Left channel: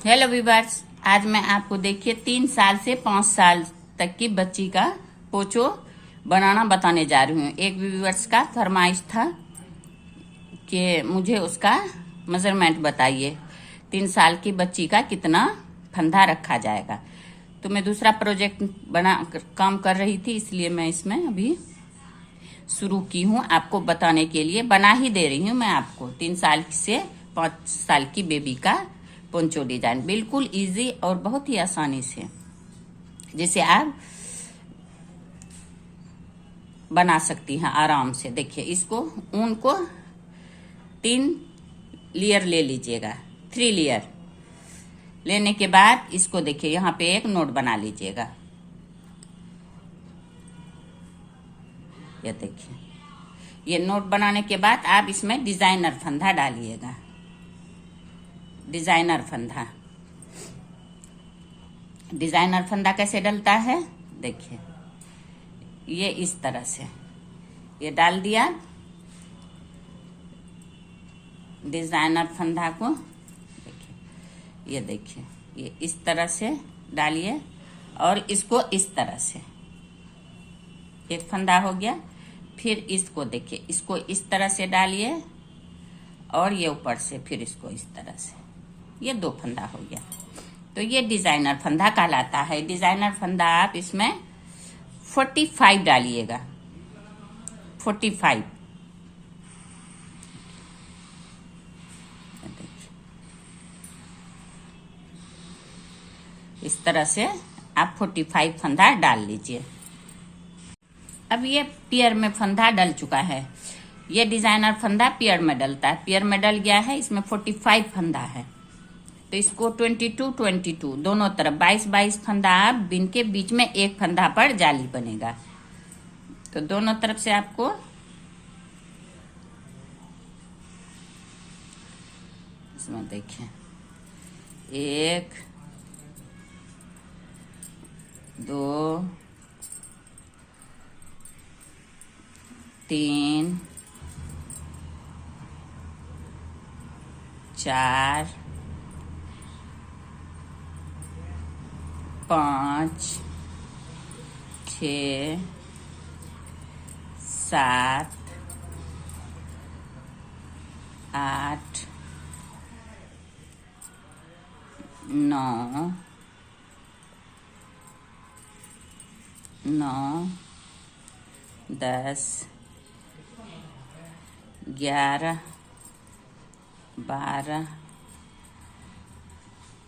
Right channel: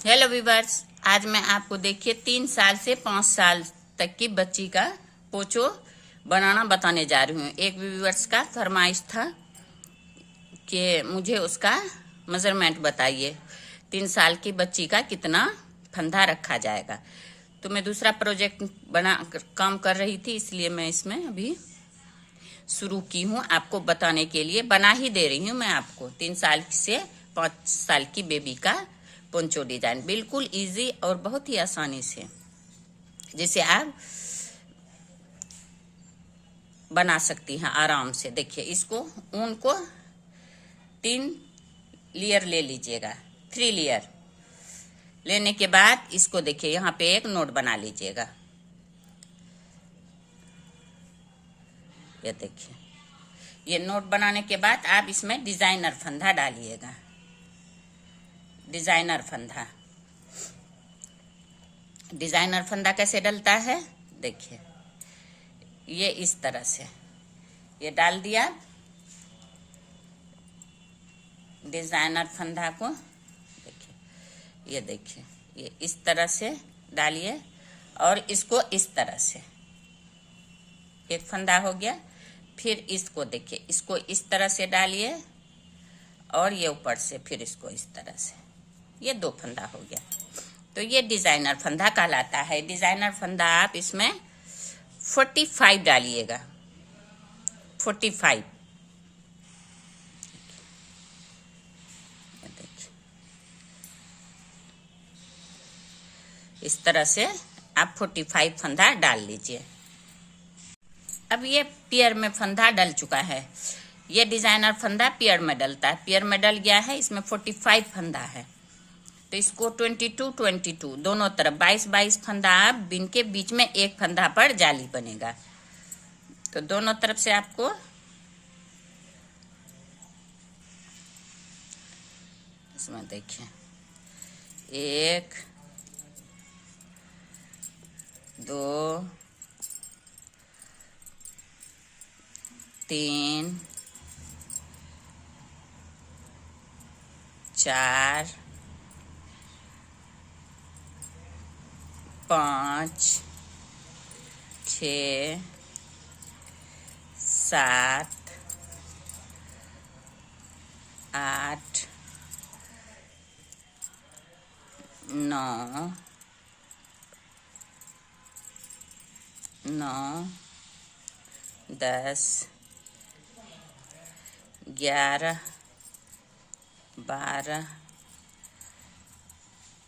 Hello viewers, आज मैं आपको देखिए 3 साल से 5 साल तक की बच्ची का पोचो बनाना बताने जा रही हूँ। एक व्यूअर्स का फरमाइश था कि मुझे उसका मेजरमेंट बताइए, 3 साल की बच्ची का कितना फंदा रखा जाएगा। तो मैं दूसरा प्रोजेक्ट काम कर रही थी, इसलिए मैं इसमें अभी शुरू की हूँ आपको बताने के लिए। बना ही दे रही हूँ मैं आपको 3 साल से 5 साल की बेबी का पोंचो डिजाइन, बिल्कुल इजी और बहुत ही आसानी से, जिसे आप बना सकती हैं आराम से। देखिए, इसको ऊन को 3 लेयर ले लीजिएगा, 3 लेयर लेने के बाद इसको देखिए यहाँ पे एक नोट बना लीजिएगा। ये देखिए, ये नोट बनाने के बाद आप इसमें डिजाइनर फंदा डालिएगा। डिजाइनर फंदा कैसे डलता है देखिए, ये इस तरह से ये डाल दिया डिजाइनर फंदा को। देखिए ये इस तरह से डालिए और इसको इस तरह से, एक फंदा हो गया। फिर इसको देखिए, इसको इस तरह से डालिए और ये ऊपर से फिर इसको इस तरह से, ये 2 फंदा हो गया। तो ये डिजाइनर फंदा कहलाता है। डिजाइनर फंदा आप इसमें 45 डालिएगा, 45। इस तरह से आप 45 फंदा डाल लीजिए। अब ये पेयर में फंदा डल चुका है। ये डिजाइनर फंदा पेयर में डलता है, पेयर में डल गया है। इसमें 45 फंदा है, तो इसको 22 दोनों तरफ 22 फंदा आप बिन के बीच में एक फंदा पर जाली बनेगा। तो दोनों तरफ से आपको इसमें देखिए 1 2 3 4 5 6 7 8 9 10 11 12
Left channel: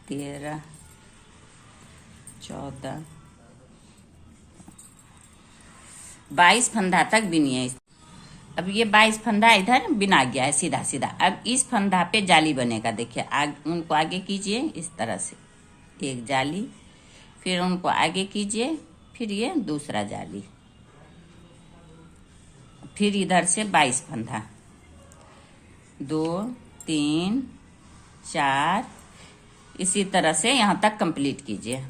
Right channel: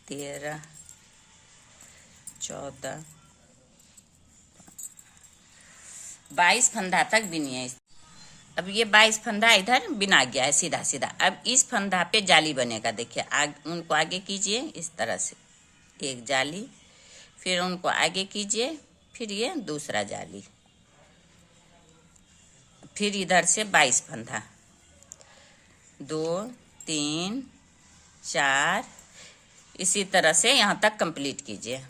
13 14 22 फंदा तक बिनिए। अब ये 22 फंदा इधर बिना गया है सीधा सीधा। अब इस फंदा पे जाली बनेगा। देखिए, उनको आगे कीजिए इस तरह से, एक जाली, फिर उनको आगे कीजिए, फिर ये दूसरा जाली, फिर इधर से 22 फंदा, 2 3 4, इसी तरह से यहाँ तक कंप्लीट कीजिए।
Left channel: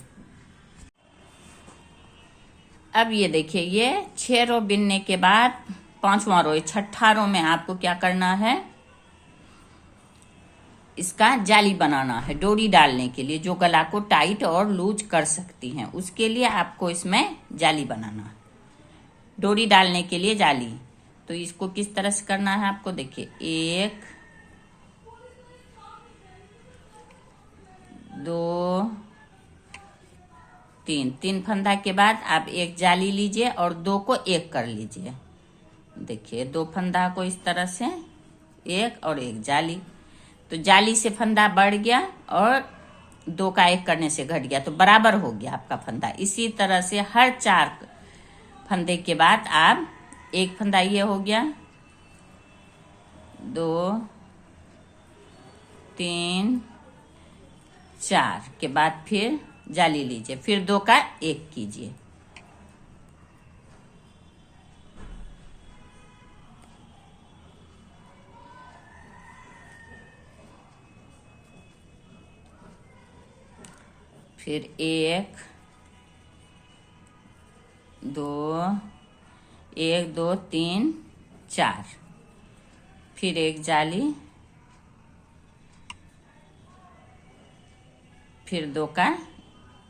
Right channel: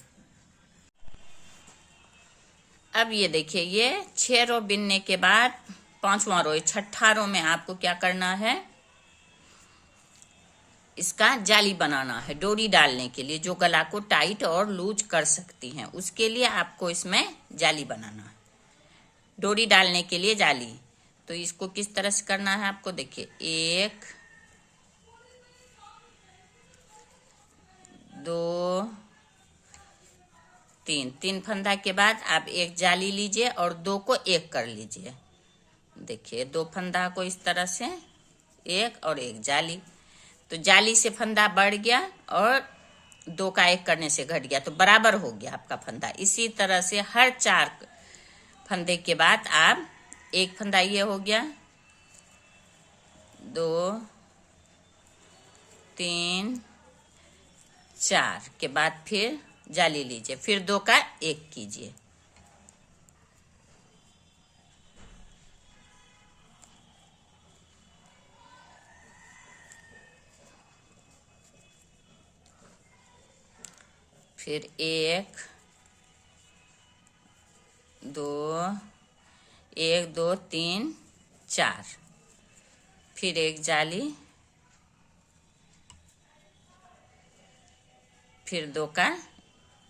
अब ये देखिए, ये 6 रो बिनने के बाद 5वां रो, 6ठा रो में आपको क्या करना है, इसका जाली बनाना है डोरी डालने के लिए, जो गला को टाइट और लूज कर सकती हैं। उसके लिए आपको इसमें जाली बनाना है, डोरी डालने के लिए जाली। तो इसको किस तरह से करना है आपको देखिए, 1 2 3 फंदा के बाद आप एक जाली लीजिए और 2 को एक कर लीजिए। देखिए, 2 फंदा को इस तरह से एक और एक जाली, तो जाली से फंदा बढ़ गया और 2 का एक करने से घट गया, तो बराबर हो गया आपका फंदा। इसी तरह से हर 4 फंदे के बाद आप एक फंदा, ये हो गया, 2 3 4 के बाद फिर जाली लीजिए, फिर 2 का एक कीजिए। फिर 1 2 1 2 3 4, फिर एक जाली, फिर 2 का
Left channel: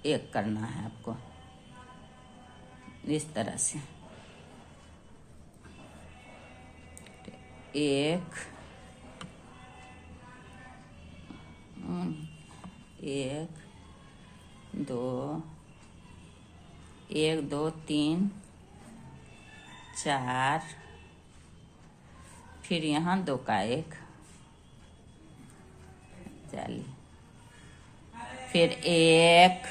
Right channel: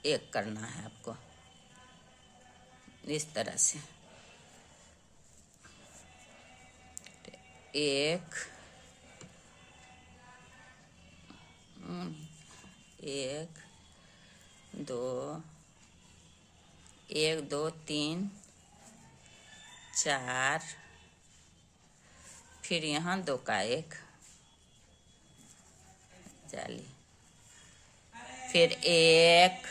1 करना है आपको, इस तरह से 1 1 2 1 2 3 4, फिर यहाँ 2 का 1 जाली, फिर 1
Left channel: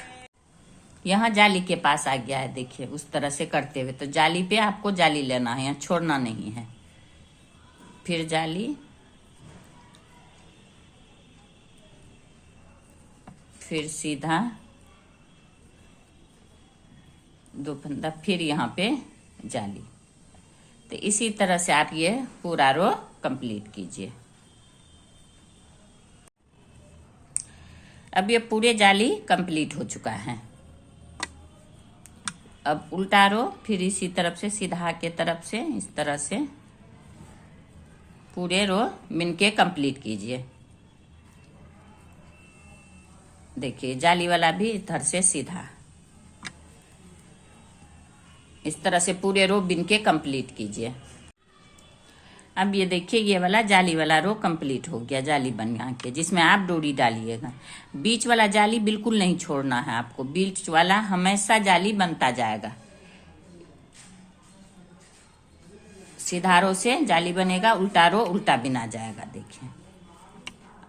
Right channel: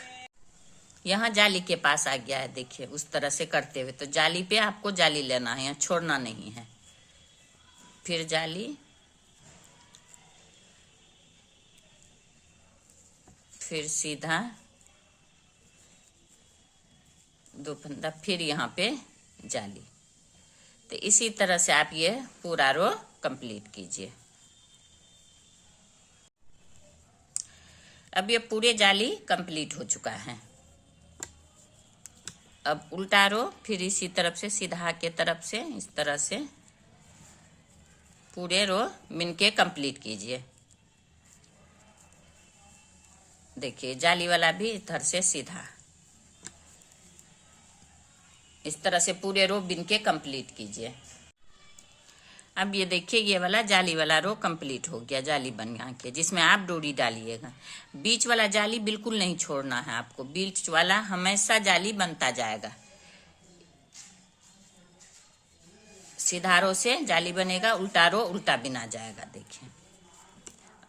यहाँ जाली के पास आ गया है। देखिए उस तरह से करते हुए, तो जाली पे आपको जाली लेना है, यहाँ छोड़ना नहीं है। फिर जाली, फिर सीधा 2 फंदा, फिर यहाँ पे जाली। तो इसी तरह से आप ये पूरा रो कंप्लीट कीजिए। अब ये पूरे जाली कंप्लीट हो चुका है। अब उल्टा रो, फिर इसी तरफ से सीधा के तरफ से इस तरह से पूरे रो बिन के कंप्लीट कीजिए। देखिए जाली वाला भी इधर से सीधा, इस तरह से पूरे रो बिन के कंप्लीट कीजिए। अब ये देखिए ये वाला जाली वाला रो कंप्लीट हो गया, जाली बना के जिसमें आप डोरी डालिएगा। बीच वाला जाली बिल्कुल नहीं छोड़ना है आपको, बीच वाला हमेशा जाली बनता जाएगा। सीधा रो से जाली बनेगा, उल्टा रो उल्टा बिना जाएगा। देखिए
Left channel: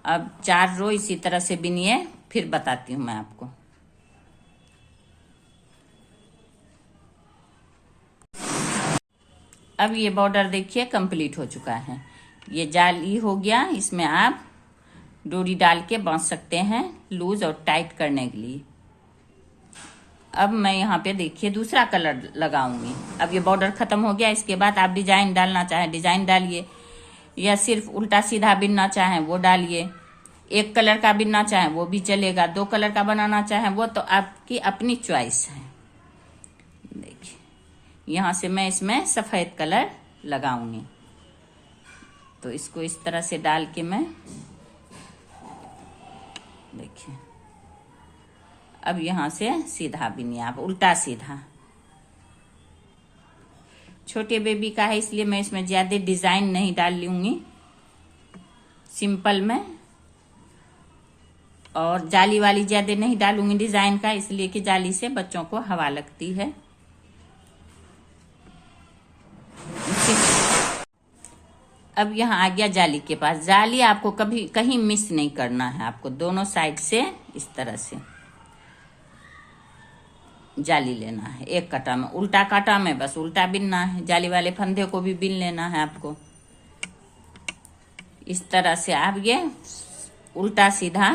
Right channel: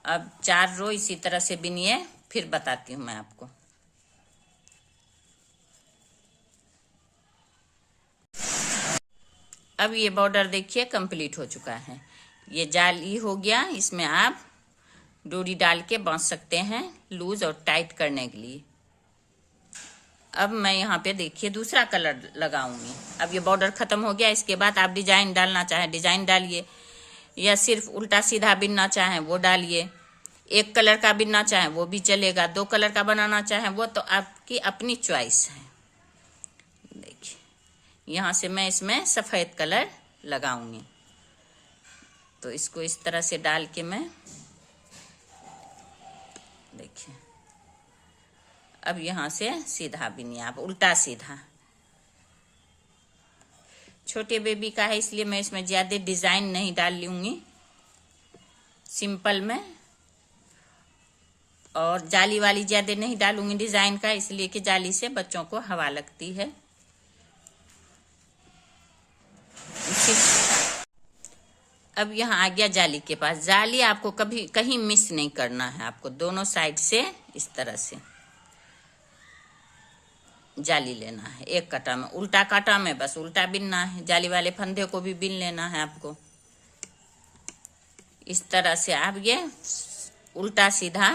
अब 4 रो इसी तरह से बिनिए, फिर बताती हूँ मैं आपको। अब ये बॉर्डर देखिए कंप्लीट हो चुका है। ये जाली हो गया, इसमें आप डोरी डाल के बांध सकते हैं लूज और टाइट करने के लिए। अब मैं यहाँ पे देखिए दूसरा कलर लगाऊंगी। अब ये बॉर्डर खत्म हो गया, इसके बाद आप डिजाइन डालना चाहें डिजाइन डालिए, या सिर्फ उल्टा सीधा बिनना चाहें वो डालिए। 1 कलर का बिनना चाहें वो भी चलेगा, 2 कलर का बनाना चाहें वो तो आपकी अपनी चॉइस है। देखिए यहाँ से मैं इसमें सफेद कलर लगाऊंगी, तो इसको इस तरह से डाल के मैं देखिए अब यहाँ से सीधा बिनिए आप, उल्टा सीधा। छोटे बेबी का है इसलिए मैं इसमें ज्यादा डिजाइन नहीं डाल लूंगी, सिंपल में, और जाली वाली ज्यादा नहीं डालूंगी डिजाइन का, इसलिए कि जाली से बच्चों को हवा लगती है। अब यहाँ आ गया जाली के पास। जाली आपको कभी कहीं मिस नहीं करना है, आपको दोनों साइड से इस तरह से जाली लेना है। 1 काटा में, उल्टा काटा में बस उल्टा बिनना है, जाली वाले फंदे को भी बिन लेना है आपको। इस तरह से आप ये उल्टा सीधा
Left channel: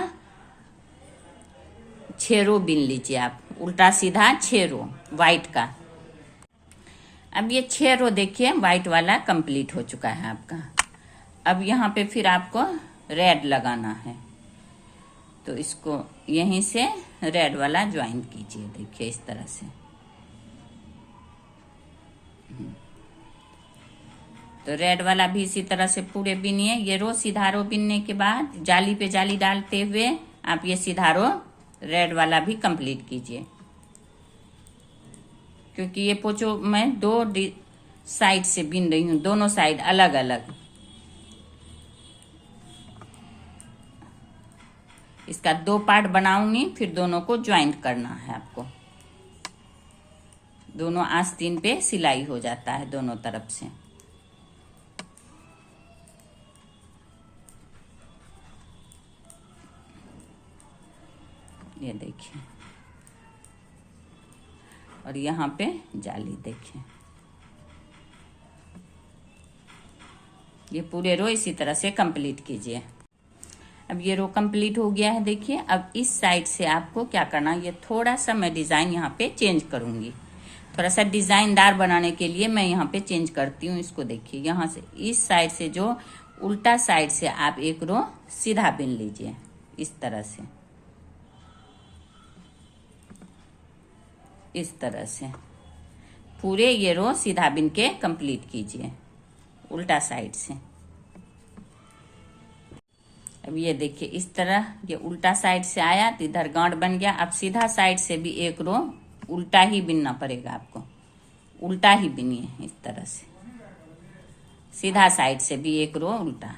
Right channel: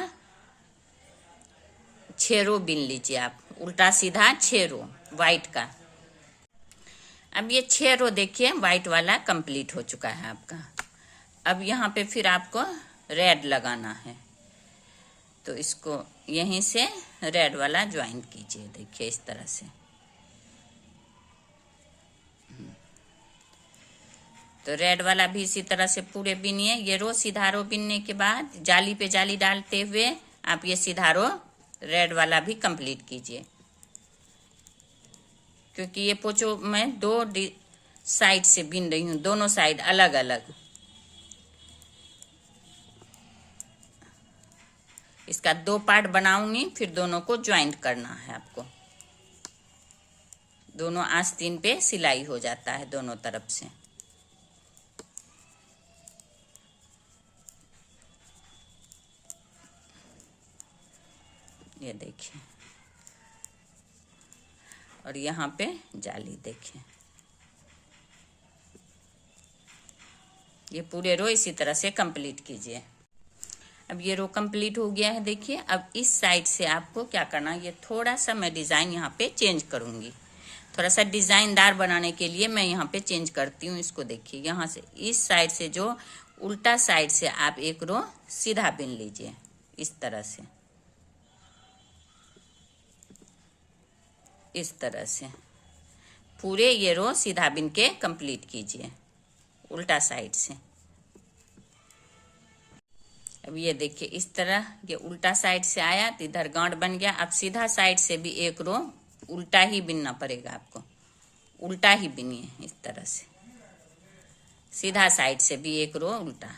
6 रो बिन लीजिए आप, उल्टा सीधा 6 रो व्हाइट का। अब ये 6 रो देखिए व्हाइट वाला कंप्लीट हो चुका है आपका। अब यहाँ पे फिर आपको रेड लगाना है, तो इसको यहीं से रेड वाला ज्वाइन कीजिए। देखिए इस तरह से, तो रेड वाला भी इसी तरह से पूरे बिनिए। ये रो सीधा रो बिनने के बाद जाली पे जाली डालते हुए आप ये सीधा रो रेड वाला भी कंप्लीट कीजिए, क्योंकि ये पोचो मैं 2 साइड से बिन रही हूँ, दोनों साइड अलग अलग। इसका 2 पार्ट बनाऊंगी, फिर दोनों को ज्वाइंट करना है आपको। दोनों आस्तीन पे सिलाई हो जाता है दोनों तरफ से। ये देखिए, और यहाँ पे जाली देखिए। ये पूरे रो इसी तरह से कंप्लीट कीजिए। अब ये रो कंप्लीट हो गया है। देखिए अब इस साइड से आपको क्या करना है, ये थोड़ा सा मैं डिजाइन यहाँ पे चेंज करूंगी, थोड़ा सा डिजाइनदार बनाने के लिए मैं यहाँ पे चेंज करती हूँ। इसको देखिए, यहाँ से इस साइड से जो उल्टा साइड से आप 1 रो सीधा बिन लीजिए इस तरह से, इस तरह से पूरे ये रो सीधा बिन के कंप्लीट कीजिए उल्टा साइड से। अब ये देखिए इस तरह ये उल्टा साइड से आया तो इधर गांठ बन गया। अब सीधा साइड से भी एक रो उल्टा ही बिनना पड़ेगा आपको, उल्टा ही बिनिए इस तरह से, सीधा साइड से भी एक रो उल्टा।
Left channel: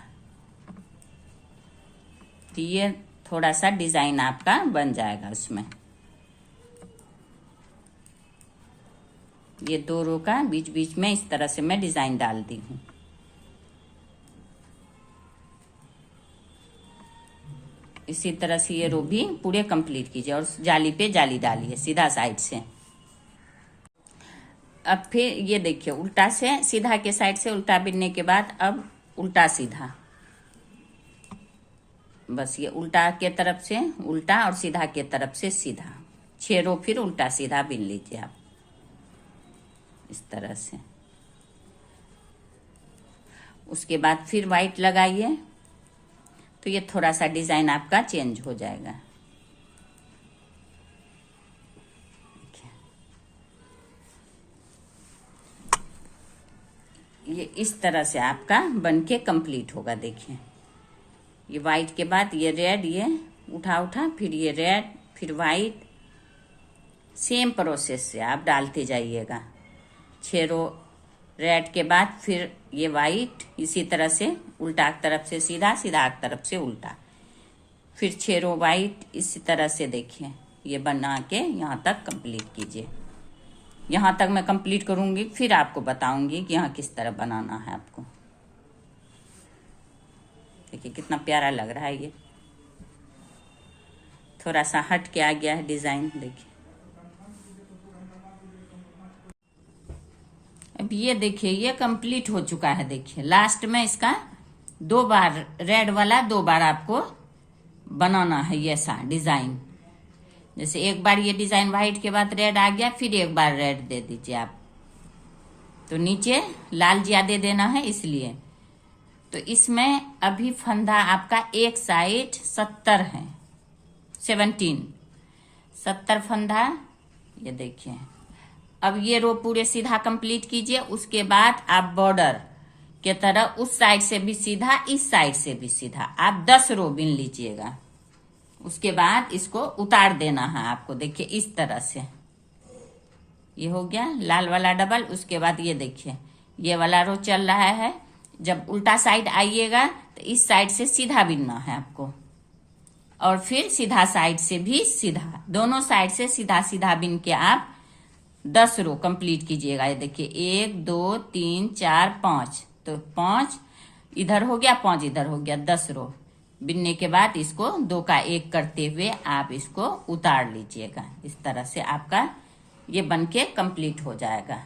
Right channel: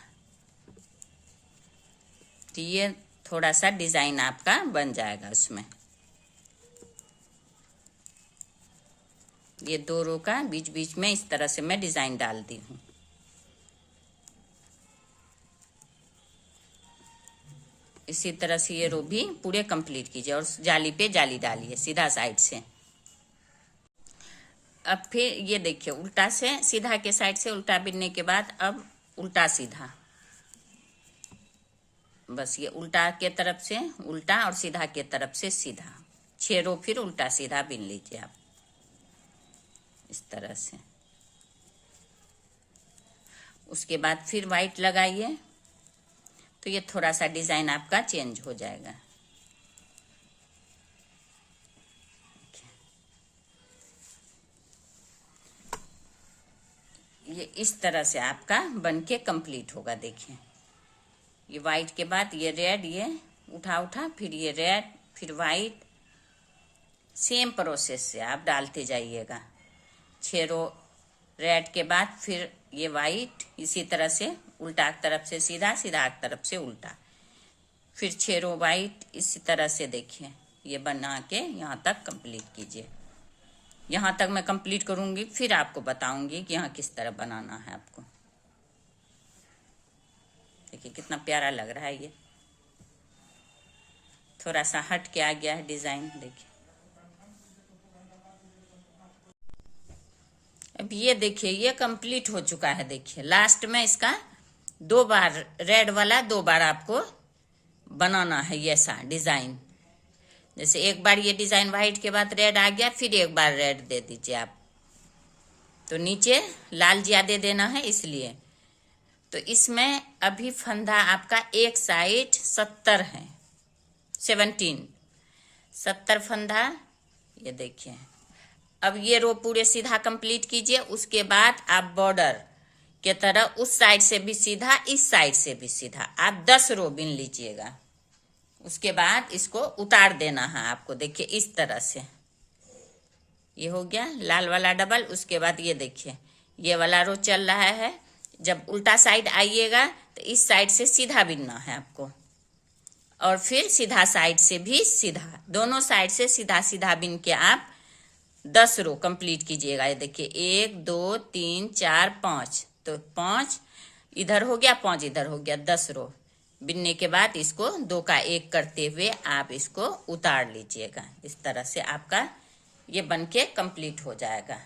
तो ये थोड़ा सा डिजाइन आपका बन जाएगा उसमें। ये 2 रो का बीच बीच में इस तरह से मैं डिजाइन डाल दी हूँ। इसी तरह से ये रो भी पूरे कंप्लीट कीजिए और जाली पे जाली डालिए सीधा साइड से। अब फिर ये देखिए उल्टा से सीधा के साइड से उल्टा बिनने के बाद अब उल्टा सीधा, बस ये उल्टा के तरफ से उल्टा और सीधा के तरफ से सीधा 6 रो फिर उल्टा सीधा बिन लीजिए आप इस तरह से। उसके बाद फिर वाइट लगाइए तो ये थोड़ा सा डिजाइन आपका चेंज हो जाएगा। ये इस तरह से आपका बनके कंप्लीट होगा। देखिए ये वाइट के बाद ये रेड, ये उठा फिर ये रेड फिर वाइट, सेम प्रोसेस से आप डालते जाइएगा। 6 रो रेड के बाद फिर ये वाइट, इसी तरह से उल्टा तरफ से सीधा, सीधा तरफ से उल्टा, फिर 6 रो वाइट, इसी तरह से देखिए ये बना के यहाँ तक कंप्लीट कीजिए। यहाँ तक मैं कंप्लीट करूंगी फिर आपको बताऊंगी कि यहाँ किस तरह बनाना है आपको। देखिए कितना प्यारा लग रहा है। ये थोड़ा सा हट के आ गया है डिजाइन। देखिए अब ये देखिए ये कंप्लीट हो चुका है। देखिए लास्ट में इसका 2 बार रेड वाला 2 बार आपको बनाना है ये सा डिजाइन। जैसे एक बार ये डिजाइन व्हाइट के बाद रेड आ गया, फिर एक बार रेड दे दीजिए आप, तो नीचे लाल ज्यादा देना है इसलिए। तो इसमें अभी फंदा आपका एक साइड 70 है, 70 फंदा। ये देखिए अब ये रो पूरे सीधा कंप्लीट कीजिए। उसके बाद आप बॉर्डर के तरह उस साइड से भी सीधा, इस साइड से भी सीधा आप 10 रो बिन लीजिएगा। उसके बाद इसको उतार देना है आपको। देखिए इस तरह से ये हो गया लाल वाला डबल। उसके बाद ये देखिए ये वाला रो चल रहा है। जब उल्टा साइड आइएगा तो इस साइड से सीधा बिनना है आपको, और फिर सीधा साइड से भी सीधा, दोनों साइड से सीधा सीधा बिन के आप 10 रो कंप्लीट कीजिएगा। ये देखिए 1 2 3 4 5, तो 5 इधर हो गया, 5 इधर हो गया, 10 रो बिनने के बाद इसको 2 का 1 करते हुए आप इसको उतार लीजिएगा। इस तरह से आपका ये बनके कंप्लीट हो जाएगा।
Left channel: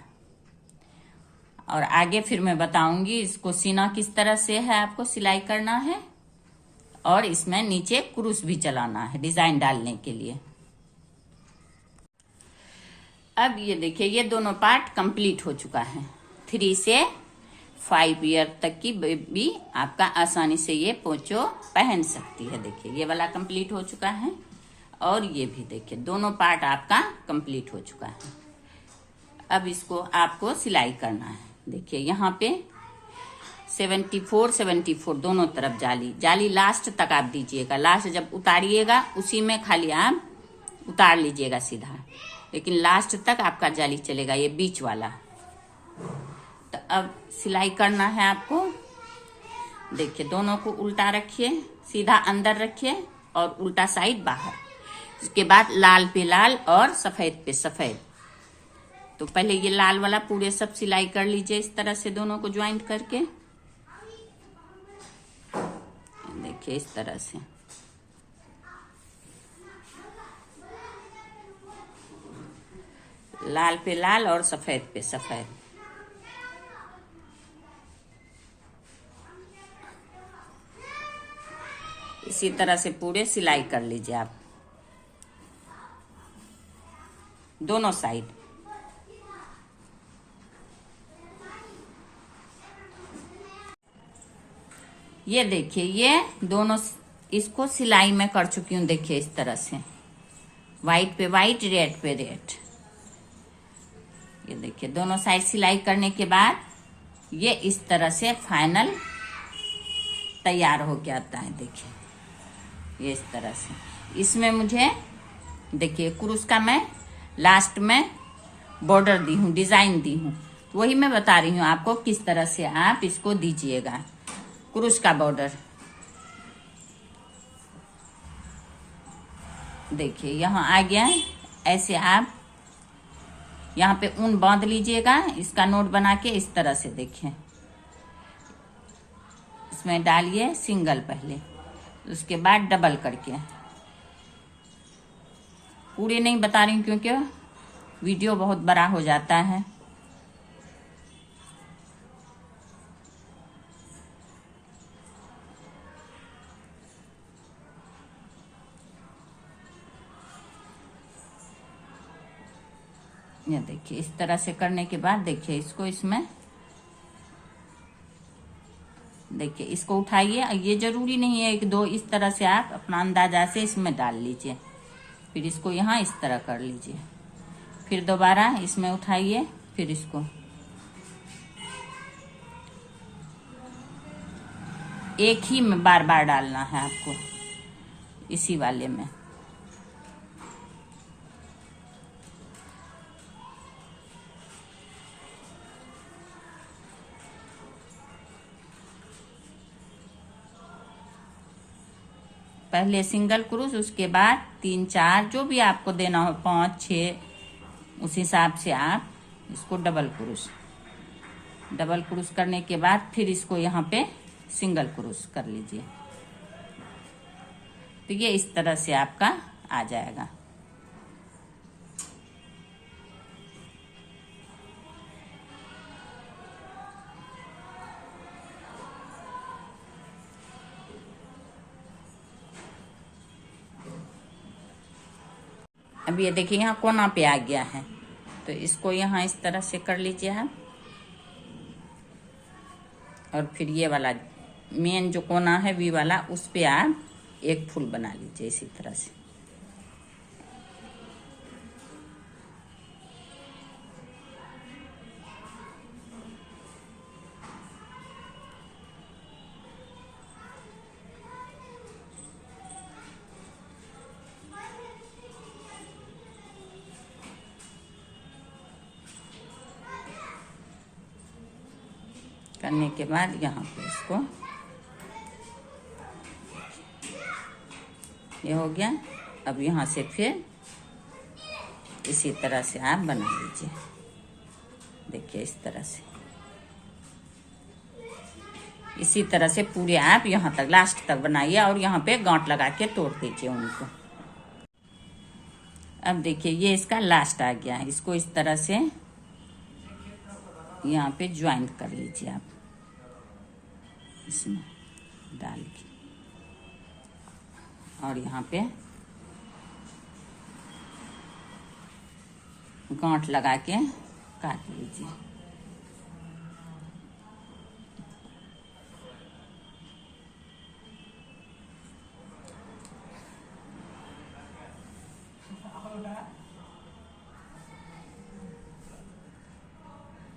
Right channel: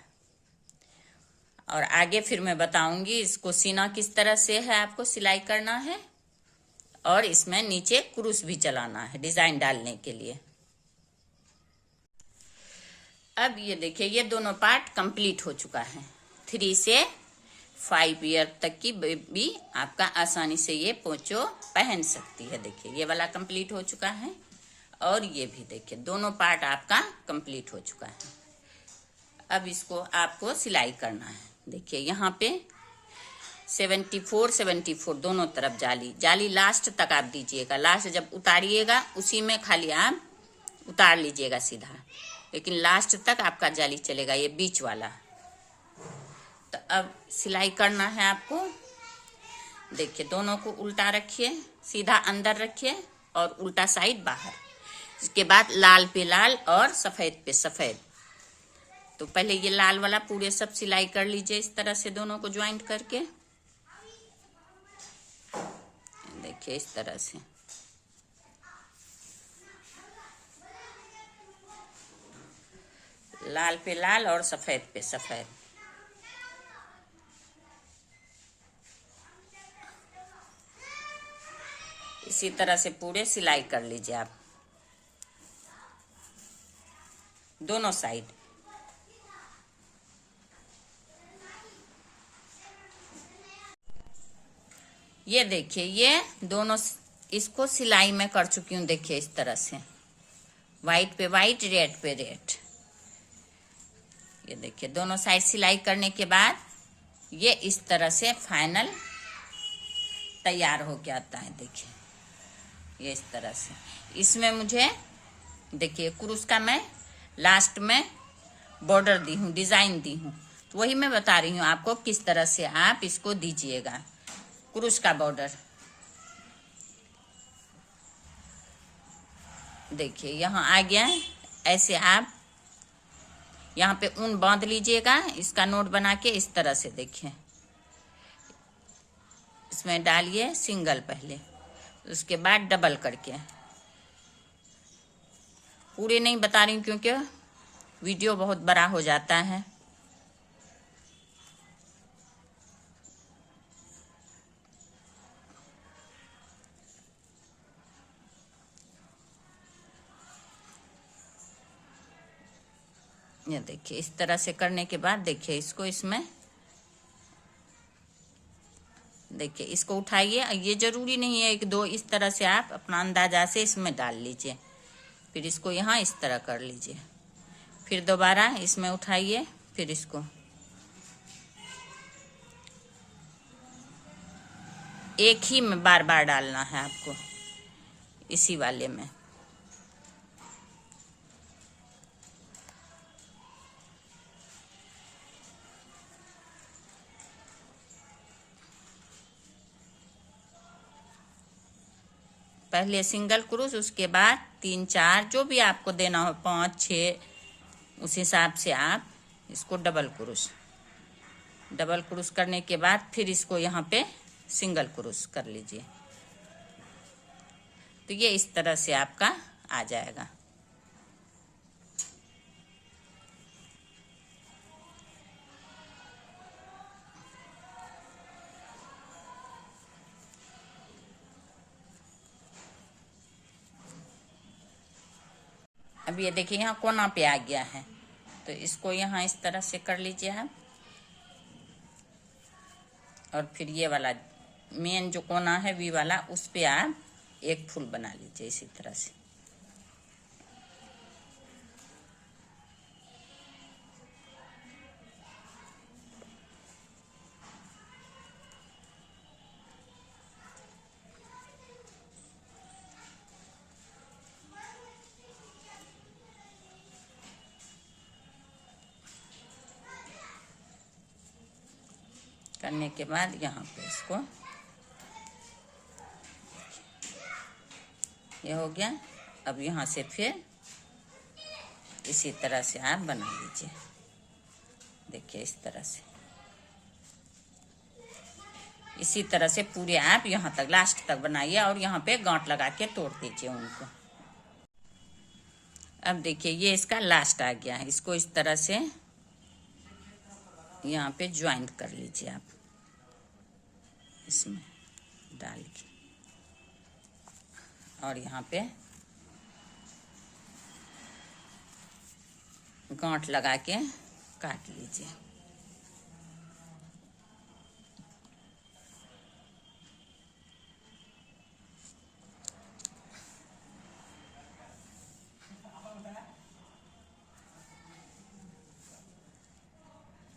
और आगे फिर मैं बताऊंगी इसको सीना किस तरह से है, आपको सिलाई करना है, और इसमें नीचे क्रूस भी चलाना है डिजाइन डालने के लिए। अब ये देखिए ये दोनों पार्ट कंप्लीट हो चुका है। 3 से 5 ईयर तक की बेबी आपका आसानी से ये पोंचो पहन सकती है। देखिए ये वाला कंप्लीट हो चुका है, और ये भी देखिए दोनों पार्ट आपका कंप्लीट हो चुका है। अब इसको आपको सिलाई करना है। देखिए यहाँ पे 74 दोनों तरफ जाली लास्ट तक आप दीजिएगा। लास्ट जब उतारिएगा उसी में खाली आप उतार लीजिएगा सीधा, लेकिन लास्ट तक आपका जाली चलेगा, ये बीच वाला। तो अब सिलाई करना है आपको। देखिए दोनों को उल्टा रखिए, सीधा अंदर रखिए और उल्टा साइड बाहर। इसके बाद लाल पे लाल और सफेद पे सफेद। तो पहले ये लाल वाला पूरे सब सिलाई कर लीजिए इस तरह से, दोनों को ज्वाइंट करके। देखिए इस तरह से लाल पे लाल और सफेद पे सफेद। इसी तरह से पूरे सिलाई कर लीजिए आप दोनों साइड। ये देखिए ये दोनों इसको सिलाई में कर चुकी हूँ। देखिए इस तरह से व्हाइट पे व्हाइट, रेड पे रेड। ये देखिए दोनों साइड सिलाई करने के बाद ये इस तरह से फाइनल तैयार हो के आता है। देखिए ये इस तरह से। इसमें मुझे देखिए क्रूस का मैं लास्ट में बॉर्डर दी हूँ, डिजाइन दी हूँ, तो वही मैं बता रही हूँ आपको किस तरह से आप इसको दीजिएगा क्रूस का बॉर्डर। देखिए यहाँ आ गया। ऐसे आप यहाँ पे ऊन बांध लीजिएगा, इसका नोट बना के इस तरह से। देखिए इसमें डालिए सिंगल पहले, उसके बाद डबल करके। पूरे नहीं बता रही हूँ क्योंकि वीडियो बहुत बड़ा हो जाता है। ये देखिए इस तरह से करने के बाद देखिए इसको इसमें देखिए इसको उठाइए। ये जरूरी नहीं है कि दो, इस तरह से आप अपना अंदाजा से इसमें डाल लीजिए। फिर इसको यहाँ इस तरह कर लीजिए, फिर दोबारा इसमें उठाइए, फिर इसको एक ही में बार बार डालना है आपको, इसी वाले में। पहले सिंगल क्रूस, उसके बाद 3 4 जो भी आपको देना हो, 5 6, उस हिसाब से आप इसको डबल क्रूस करने के बाद फिर इसको यहाँ पे सिंगल क्रूस कर लीजिए। तो ये इस तरह से आपका आ जाएगा। अब ये देखिए यहाँ कोना पे आ गया है, तो इसको यहाँ इस तरह से कर लीजिए आप। और फिर ये वाला मेन जो कोना है वी वाला, उस पे आप एक फूल बना लीजिए इसी तरह से। करने के बाद यहाँ पे इसको, ये हो गया। अब यहाँ से फिर इसी तरह से आप बना लीजिए। देखिए इस तरह से, इसी तरह से पूरे आप यहाँ तक लास्ट तक बनाइए और यहाँ पे गांठ लगा के तोड़ दीजिए उनको। अब देखिए ये इसका लास्ट आ गया है, इसको इस तरह से यहाँ पे ज्वाइंट कर लीजिए आप, इसमें डाल के, और यहाँ पे गांठ लगा के काट लीजिए।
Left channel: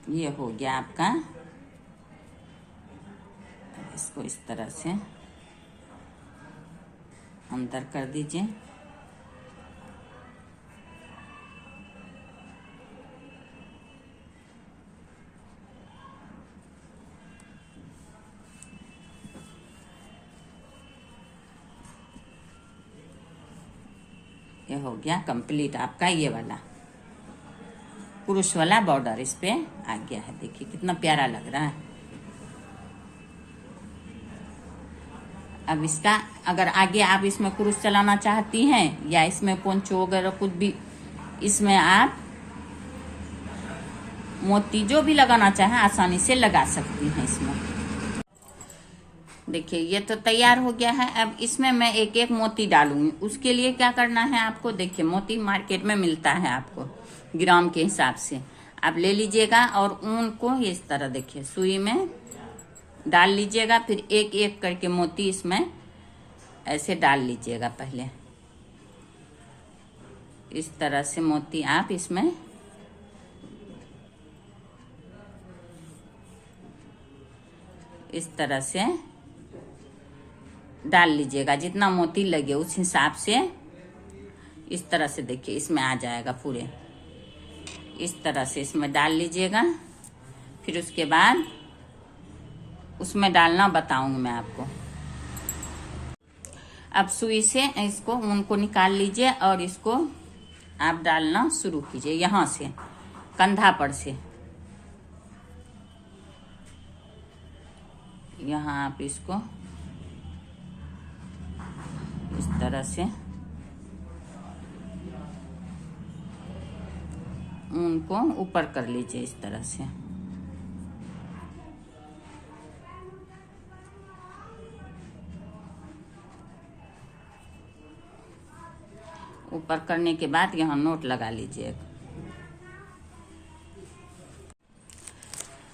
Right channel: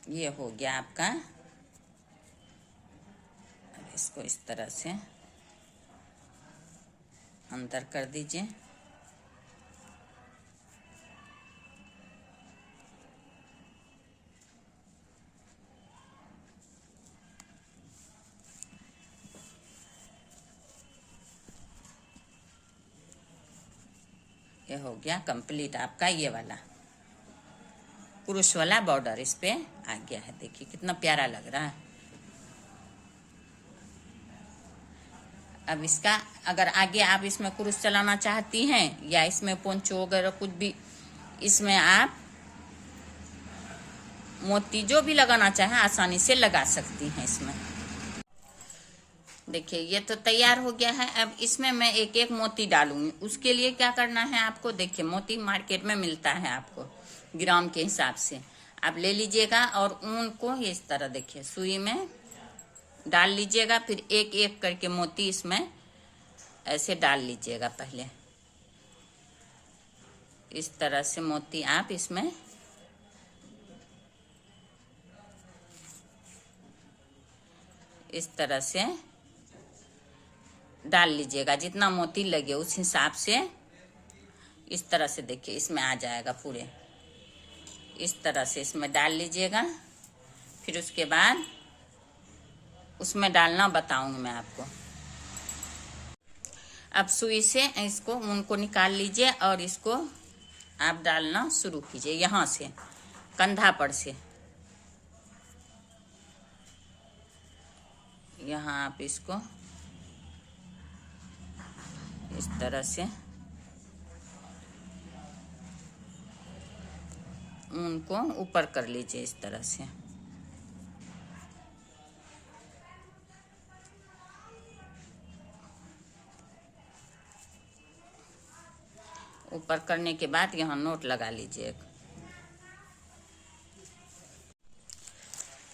ये हो गया आपका। इसको इस तरह से अंदर कर दीजिए। ये हो गया कंप्लीट आपका ये वाला पुरुष वाला बॉर्डर इस पे आ गया है। देखिए कितना प्यारा लग रहा है। अब इसका अगर आगे आप इसमें क्रूस चलाना चाहती हैं या इसमें पोंचो वगैरह कुछ भी, इसमें आप मोती जो भी लगाना चाहें आसानी से लगा सकती हैं इसमें। देखिए ये तो तैयार हो गया है। अब इसमें मैं एक एक मोती डालूंगी। उसके लिए क्या करना है आपको, देखिए मोती मार्केट में मिलता है आपको ग्राम के हिसाब से, आप ले लीजिएगा और ऊन को इस तरह देखिए सुई में डाल लीजिएगा। फिर एक एक करके मोती इसमें ऐसे डाल लीजिएगा। पहले इस तरह से मोती आप इसमें इस तरह से डाल लीजिएगा, जितना मोती लगे उस हिसाब से। इस तरह से देखिए इसमें आ जाएगा पूरे, इस तरह से इसमें डाल लीजिएगा। फिर उसके बाद उसमें डालना बताऊंगी मैं आपको। अब सुई से इसको ऊन को निकाल लीजिए और इसको आप डालना शुरू कीजिए, यहाँ से कंधा पर से। यहाँ आप इसको इस तरह से ऊन को ऊपर कर लीजिए, इस तरह से। ऊपर करने के बाद यहाँ नोट लगा लीजिए।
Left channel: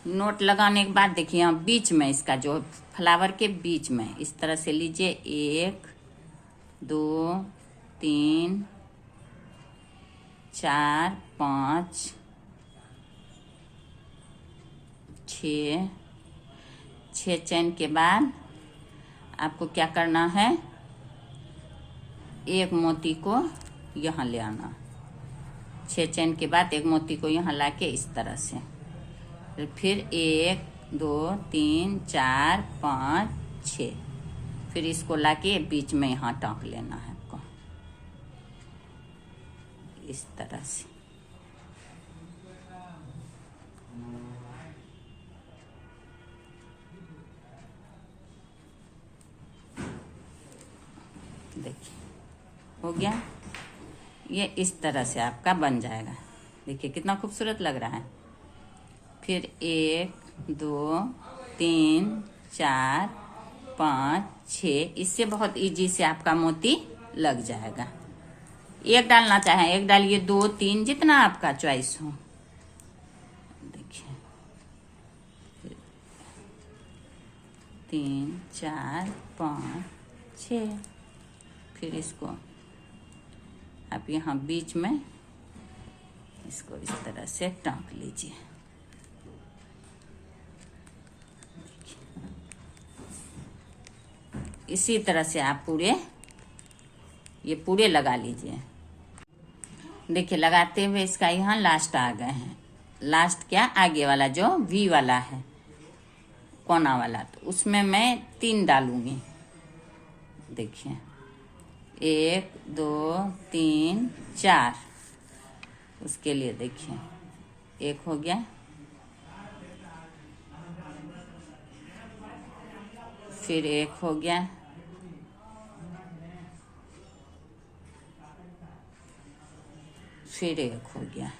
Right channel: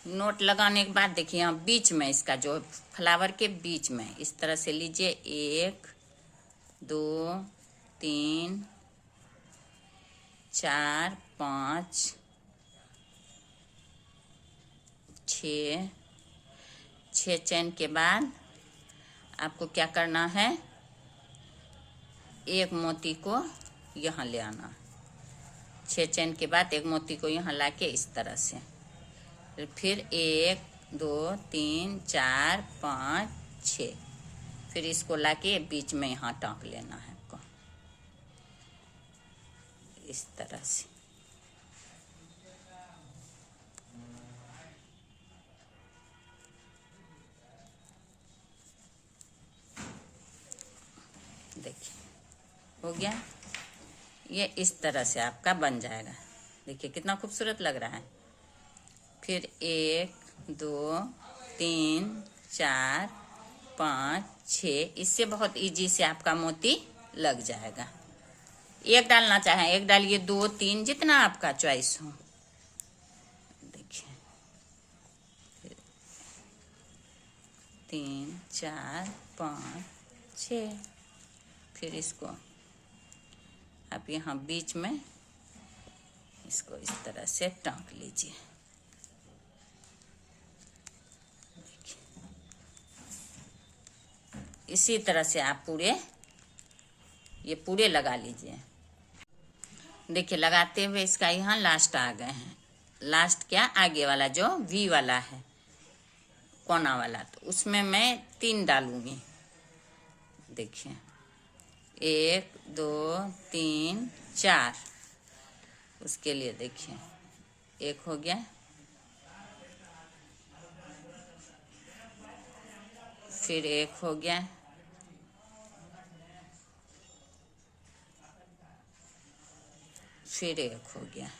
नोट लगाने के बाद देखिए यहाँ बीच में इसका जो फ्लावर के बीच में इस तरह से लीजिए। 1 2 3 4 5 6 चैन के बाद आपको क्या करना है, एक मोती को यहाँ ले आना। 6 चैन के बाद एक मोती को यहाँ लाके इस तरह से, फिर 1 2 3 4 5 6, फिर इसको लाके बीच में यहाँ टाँक लेना है आपको, इस तरह से। देखिए हो गया, ये इस तरह से आपका बन जाएगा। देखिए कितना खूबसूरत लग रहा है। फिर 1 2 3 4 5 6, इससे बहुत इजी से आपका मोती लग जाएगा। एक डालना चाहे एक डालिए, 2 3 जितना आपका चॉइस हो। देखिए 3 4 5 6, फिर इसको आप यहाँ बीच में इसको इस तरह से टाँक लीजिए। इसी तरह से आप ये पूरे लगा लीजिए। देखिए लगाते हुए इसका यहाँ लास्ट आ गए हैं। लास्ट क्या, आगे वाला जो वी वाला है कोना वाला, तो उसमें मैं 3 डालूंगी। देखिए 1 2 3 4, उसके लिए देखिए 1 हो गया, फिर 1 हो गया, फिर 1 हो गया,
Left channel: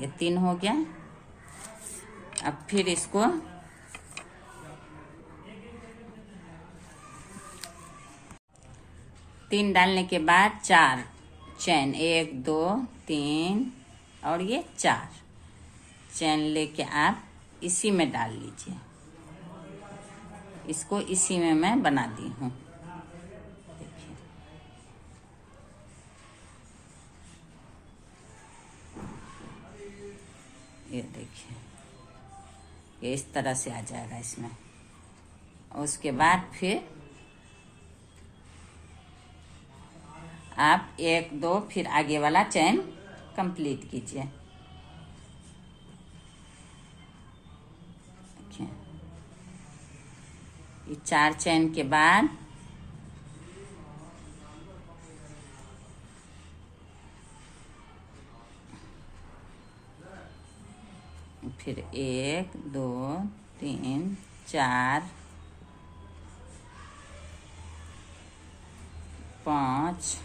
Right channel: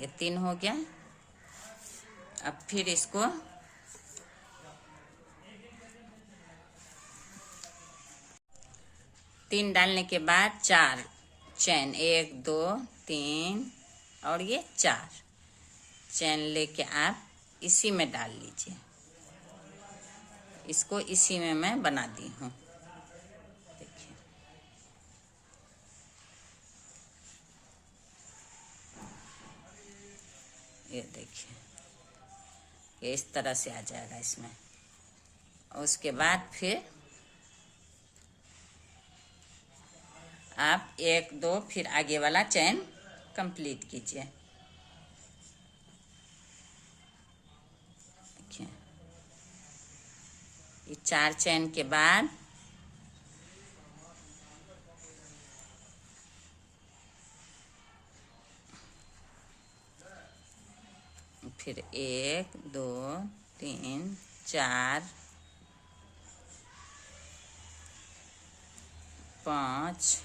ये 3 हो गया। अब फिर इसको तीन डालने के बाद 4 चैन, 1 2 3 और ये 4 चैन लेके आप इसी में डाल लीजिए। इसको इसी में मैं बना दी हूँ। देखिए ये देखिए ये इस तरह से आ जाएगा इसमें। और उसके बाद फिर आप 1 2 फिर आगे वाला चैन कंप्लीट कीजिए। देखिए ये 4 चैन के बाद फिर 1 2 3 4 5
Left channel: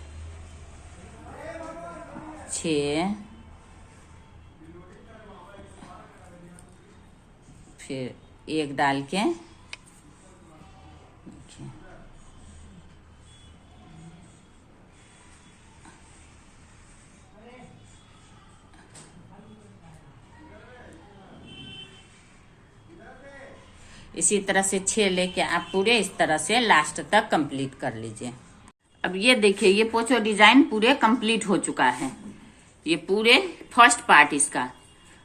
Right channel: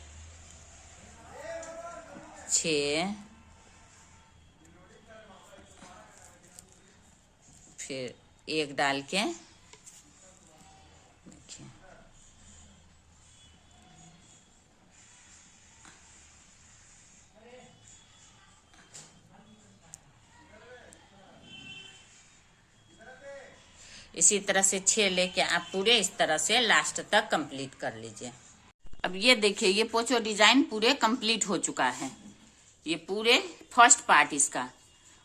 6, फिर 1 डाल के देखिए इसी तरह से 6 लेके आप पूरे इस तरह से लास्ट तक कंप्लीट कर लीजिए। अब ये देखिए ये पोचो डिजाइन पूरे कंप्लीट हो चुका है। ये पूरे फर्स्ट पार्ट इसका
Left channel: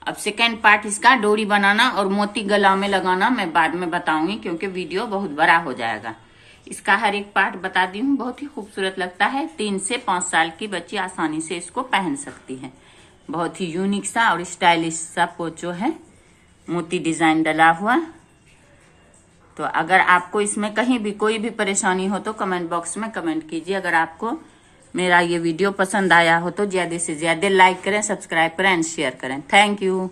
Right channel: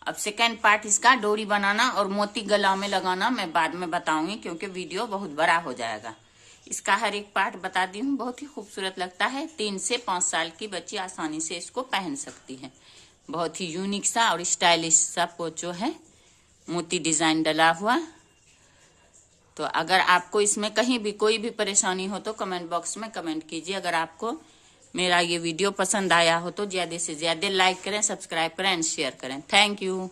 अब सेकेंड पार्ट इसका डोरी बनाना और मोती गला में लगाना मैं बाद में बताऊंगी, क्योंकि वीडियो बहुत बड़ा हो जाएगा। इसका हर एक पार्ट बता दी हूँ। बहुत ही खूबसूरत लगता है। 3 से 5 साल की बच्ची आसानी से इसको पहन सकती है। बहुत ही यूनिक सा और स्टाइलिश सा पोचो है, मोती डिजाइन डला हुआ। तो अगर आपको इसमें कहीं भी कोई भी परेशानी हो तो कमेंट बॉक्स में कमेंट कीजिए। अगर आपको मेरा ये वीडियो पसंद आया हो तो ज्यादा से ज्यादा लाइक करें, सब्सक्राइब करें एंड शेयर करें। Thank you.